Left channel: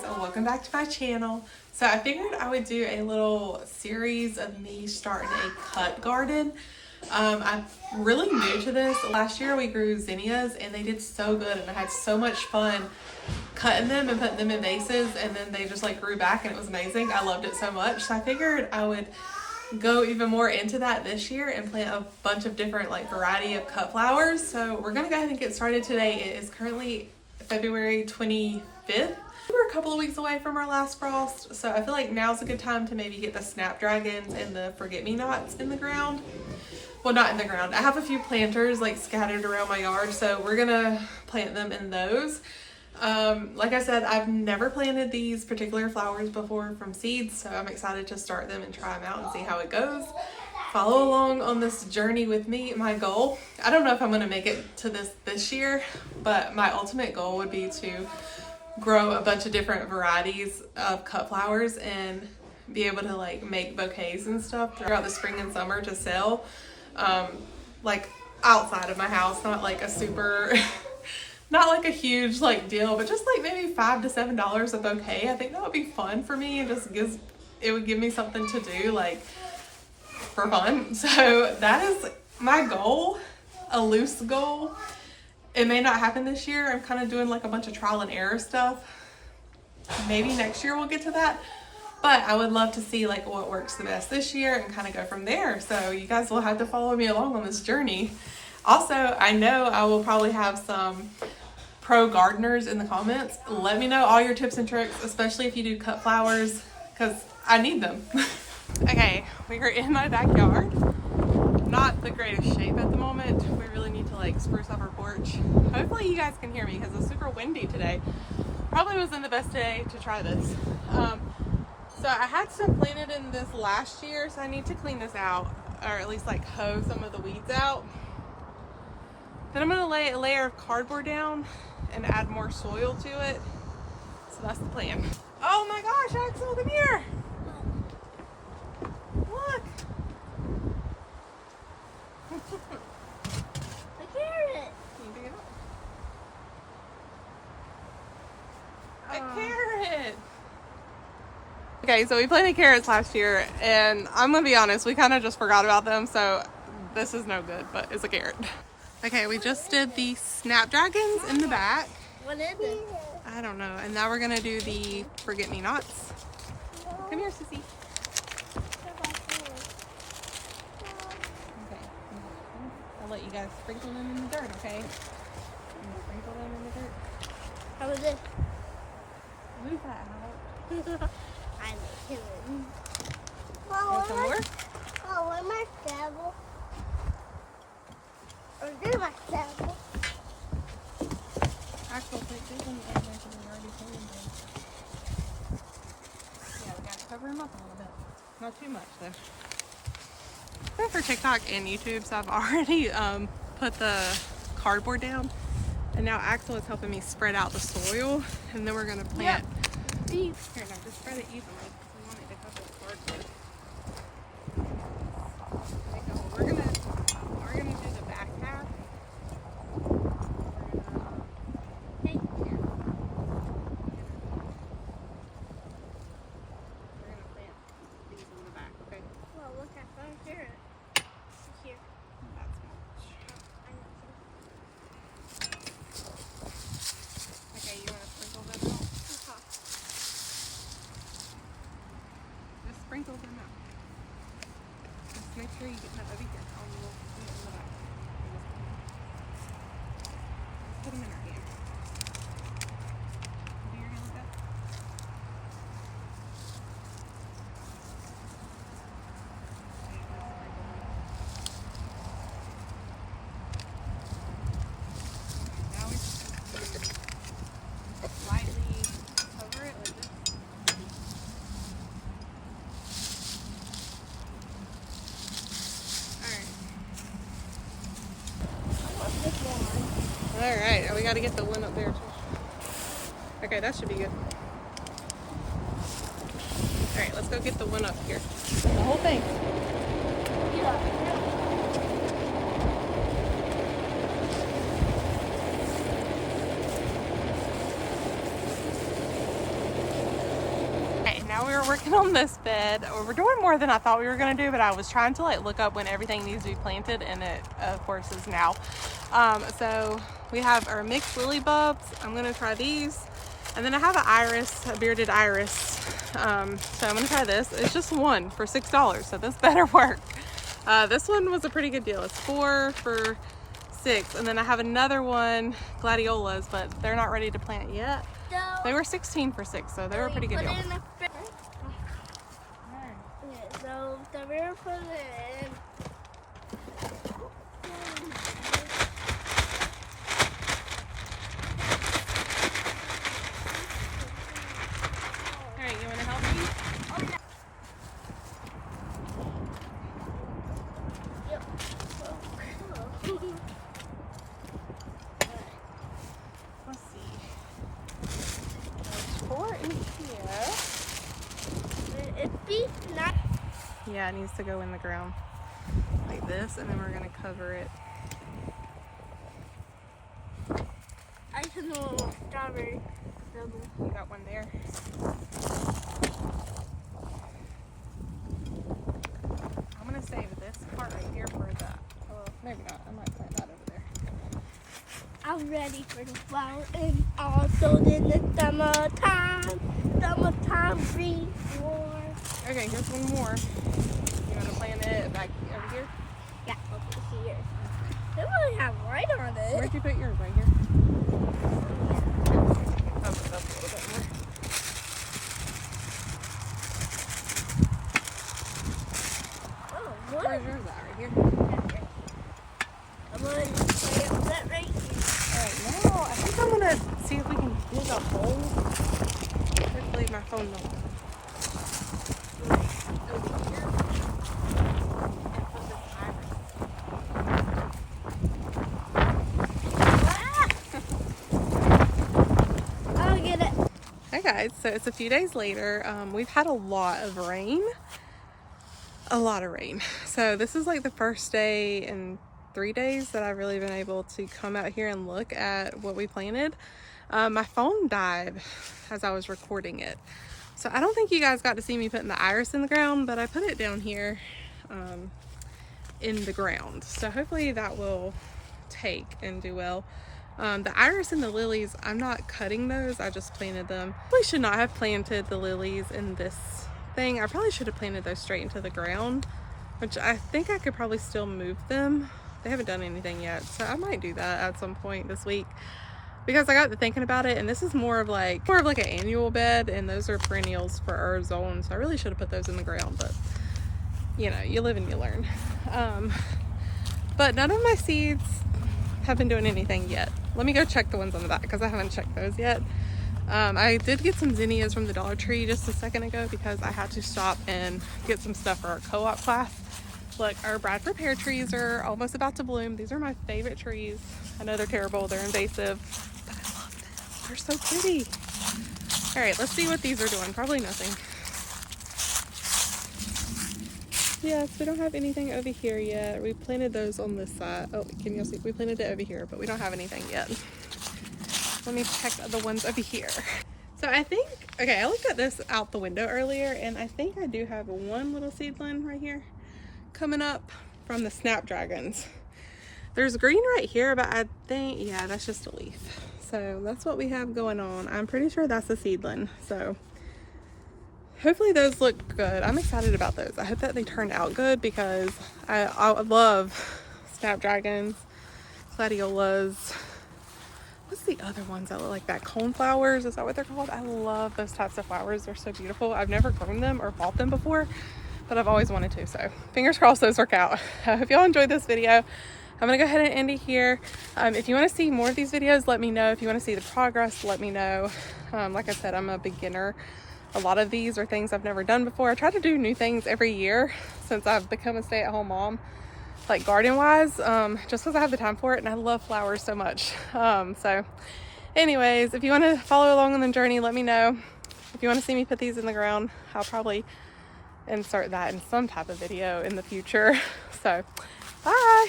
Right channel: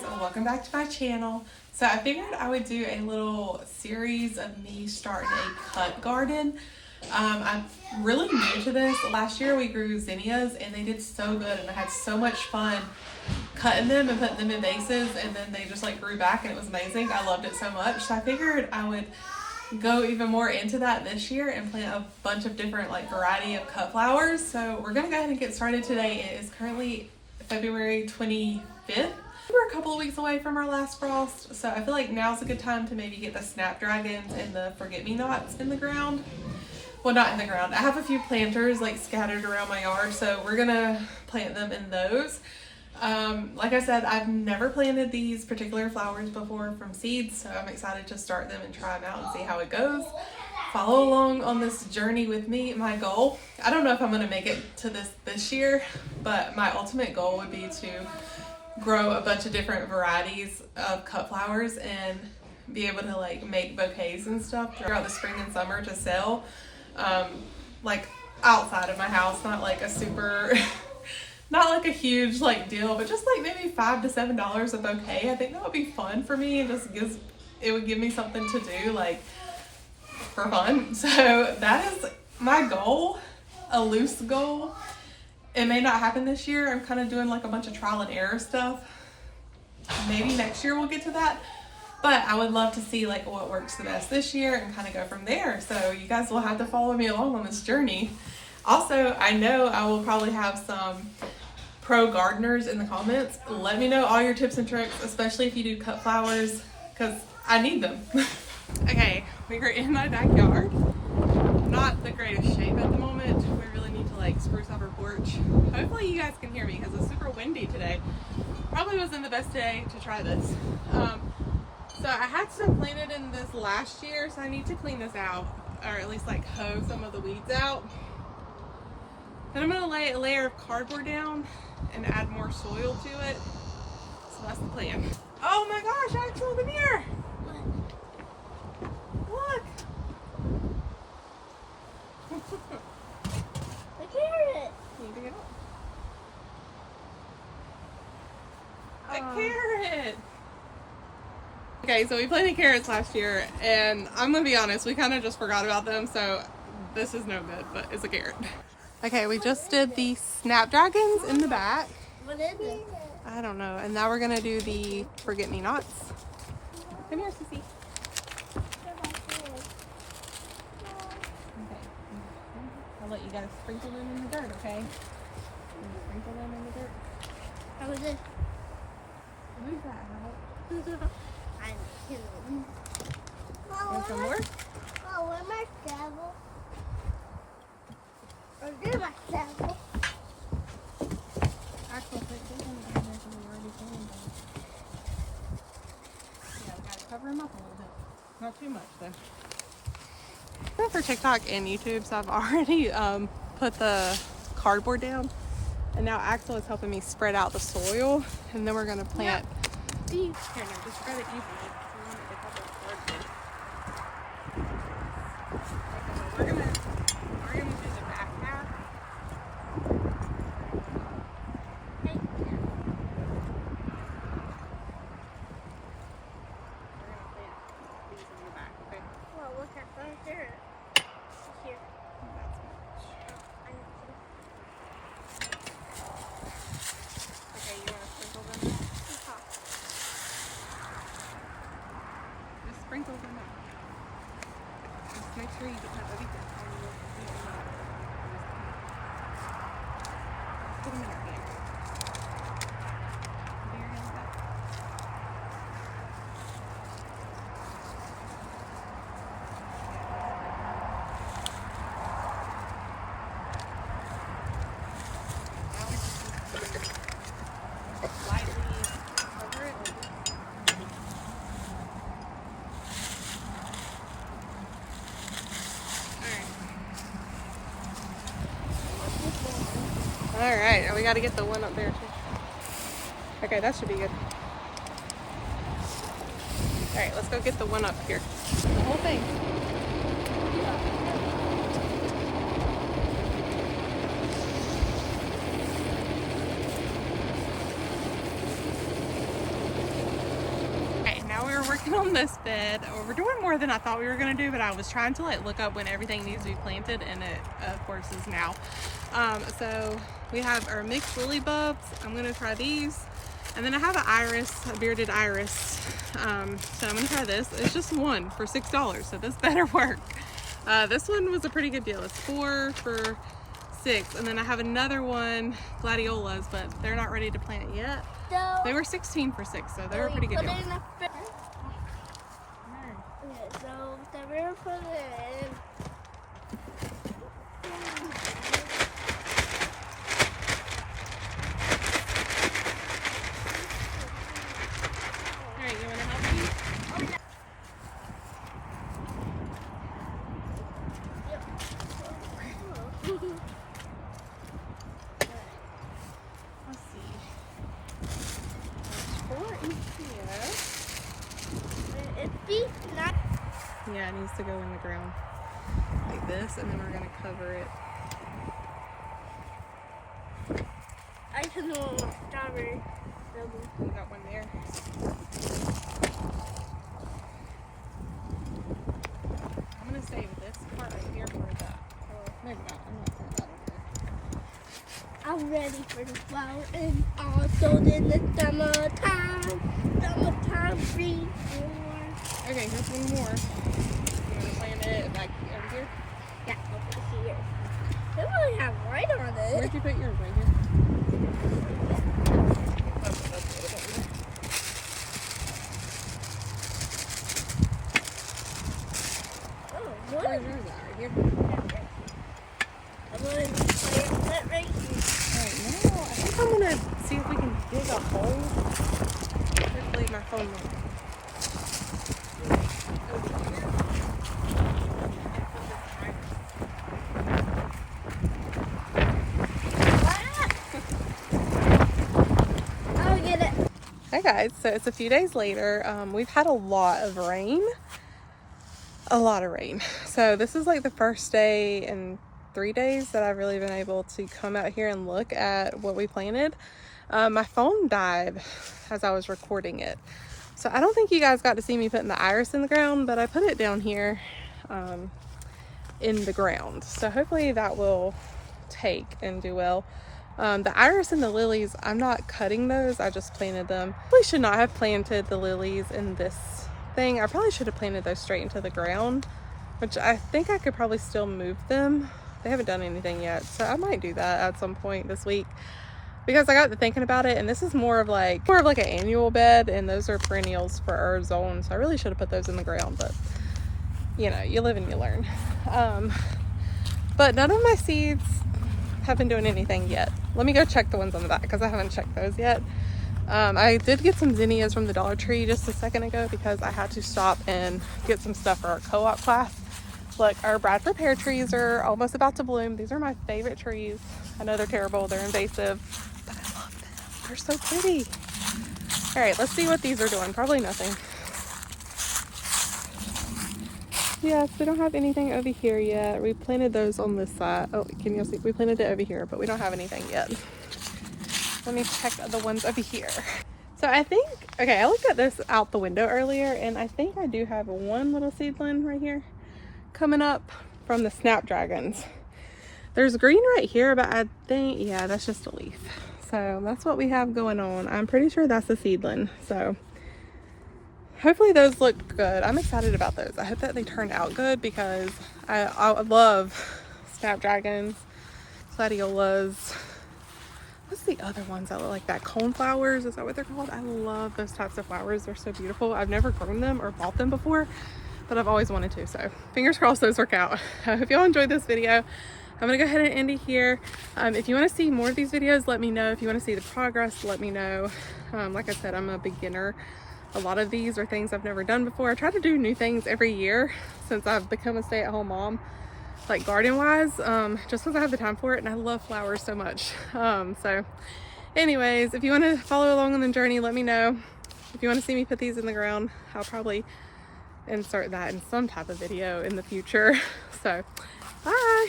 So welcome back to my channel. So I figured I would do a little series of me starting a cut garden. I'm really new to this. Last year we grew zinnias and they did so good and I had so much fun cutting them and putting them in vases, and then they just like grew back and it was amazing. I loved it so much. So I figured I would go even more into that this year and plant a bunch of different like variety of cut flowers. So we're gonna go ahead and get started today. It is currently February 25th. We're a couple of weeks away from our last frost, so I feel like now's a good time to maybe get the Snapdragons and the forget-me-nots in the ground. Well, not in the ground. I have a few planters like scattered around my yard, so we're gonna plant them in those. Like I said, I've never planted these particular flowers before from seeds, so I'm excited to start them and try them out and see how it goes. Follow along on this journey with me. My goal, I don't know if I'm gonna make it to this year, but my ultimate goal would be to grow a bunch of different varieties of cut flowers and be able to like make bouquets and stuff throughout the spring and summer to sell, like outside of my house, not like a super not like a huge like deal, but just like maybe $5 to $7 a bouquet. I think that would be fun for me and it would give me something to do like for fun. So that is my goal, a loose goal. It may not happen this year. I'm kind of doing like a bunch of trial and error stuff. Maybe next year we'll get to that. But I would love to see like what works the best this year and kind of go from there. So you guys will have to follow me along on this journey. Also, I know I will probably have some pro gardeners in the comments. Let me know all your tips and tricks, especially if you do cut flowers, because I need them. Okay, we are in my backyard. Not the greatest shape at the moment. We really need to like spruce up our porch. Hopefully you guys can hear me because it's super windy today. Probably wasn't the best day to try this. So I had some planted in this last year, so I need to clean this out, or at least like hoe some of the weeds out. Then I'm gonna lay a layer of cardboard down and add more soil to it. So that's the plan. Oh my gosh, Axel, come here. Look. A carrot. Can you pick it up? A carrot. Okay, so we planted carrots last year, and I'm gonna be honest, we kind of just forgot about them, so this is no good, but it's a carrot. Okay, we just did the Snapdragons in the back. What is it? I don't know. And now we're gonna do the forget-me-nots. Come here, Sissy. Okay. I'll let you guys sprinkle them in the dirt, okay? Sprinkle them in the dirt. How is it? Move that out. I make it. Want some more? Oh, where's my shovel? Or do my shovel? Actual put this one in there because we already planted them. Yeah, we gotta cover them up a little bit. Not too much though. For TikTok and YouTube, so I've already put the cardboard down, and now Axel is helping me spread out the soil, and then we're gonna plant. Here, no, just spread it evenly. We want it to cover the cardboard. We're gonna do the back half. Hey. We're gonna plant these in the back, okay? Well, look at the carrot. Here. That's much. I know. Okay, you wanna sprinkle them out? Just sprinkle them out. Just make sure you get that over here. Put them in your hand. Do your hands back. Now we just need to lightly cover it like this. Alright, we gotta get the one up there too. Okay, that should be good. Alright, let's go get the one up here. The whole thing. now we were working on this bed. We're doing more than I thought we were gonna do, but I was trying to like look up when everything needs to be planted, and it of course is now. So we have our mixed lily bulbs. I'm gonna try these, and then I have an iris, a bearded iris. So I'm gonna try this. It's just one for $6, so this better work. This one was a pretty good deal. It's 4 for $6, and then I have another one, gladiolas, but they're not ready to plant yet. So, They were 16 for $6, so they were a pretty good put deal. it in the fridge. Okay, so we're gonna put it in. Alright, you wanna help me? Oh, yeah. Yep. Let's see. 4 in here. It's beef, not. Yeah, it needs to go in the ground. Like this, and then we're gonna cover it. I should know strawberry. Got one there. I'm gonna save this part right here for the. Oh, maybe not. I'm not putting that over there. I'm ready for the flower, and also in the summertime green floor. Okay, here's one more. You wanna plant it like over here? Yeah, over here. They really have light on it. Where'd you put yours? Right here. Oh, that's a little bit more. Oh, Where's what? yours at? Right here. I'm gonna put that right here. Oh, no. I think I'm gonna see if we can dig a hole. Let's leave my phone number. I'll get it. Hi guys, so it's a few days later. We've had a lot of rain. A lot of rain. So this is like the first day in 3 days that I've really been able to come out here and look at what we planted. My phone died as I was recording it. So I don't think you guys got to see me putting the iris in the ground, but I put it down here in the ground. So hopefully that will take and do well. The iris and the lilies, I'm not cutting those. I just planted them. We should not have planted the lilies in this thing. I probably should have planted those straight into the ground, which I think I could probably still move them. They haven't done anything yet, so I might do that at some point this week, because I got to thinking about it, and this is more of like an annual bed, and those are perennials for our zone, so I really should have put those in the ground, but you know, you live and you learn. But none of my seeds have been doing anything yet. Let me go check the ones on the back, because I haven't checked those yet. I did get some zinnias from the Dollar Tree just a second ago, because I had to stop and get some stuff for our co-op class. Look, our Bradford pear trees are almost about to bloom. These are my favorite trees. I know they're terrible, they're invasive, but I love them. They're so pretty. All right, let's see what these are doing. Probably nothing. Yes, we don't have anything over here yet. We planted those on this side. Oh, can you see? We planted it over here, but we don't have anything yet. Let me check the ones over here. So I think, okay, I looked at this out the window earlier, and I think I do have one little seedling right here coming up from the Snapdragons. There's green right here, but I think, yeah, that's just a leaf. So that's what we have going on. I'm pretty sure that's a seedling. So hopefully those look good. I'm excited about those. I hope that they turned out good, because I love Snapdragons, gladiolas. What's the other ones that look like that? Cone flowers, is that what they're called? I love those types of flowers. They're so beautiful. I've never grown them or bought them before, but I've always wanted to. So fingers crossed those work out. I hope y'all enjoyed this video. I'm gonna go ahead and end it here. If you wanna see more of these videos, let me know. If you wanna see the progress, let me know. Like I said, I'm a beginner. A lot of these are things I've never done before. I try to do new things every year since I've become a stay-at-home mom, like garden wise, just because I have the time for it, and I love flowers so much. So anyways, if you want to follow along on the journey, let me know. If you want to see me put these in the ground, I'll probably insert that in some type of video in the future. So bye.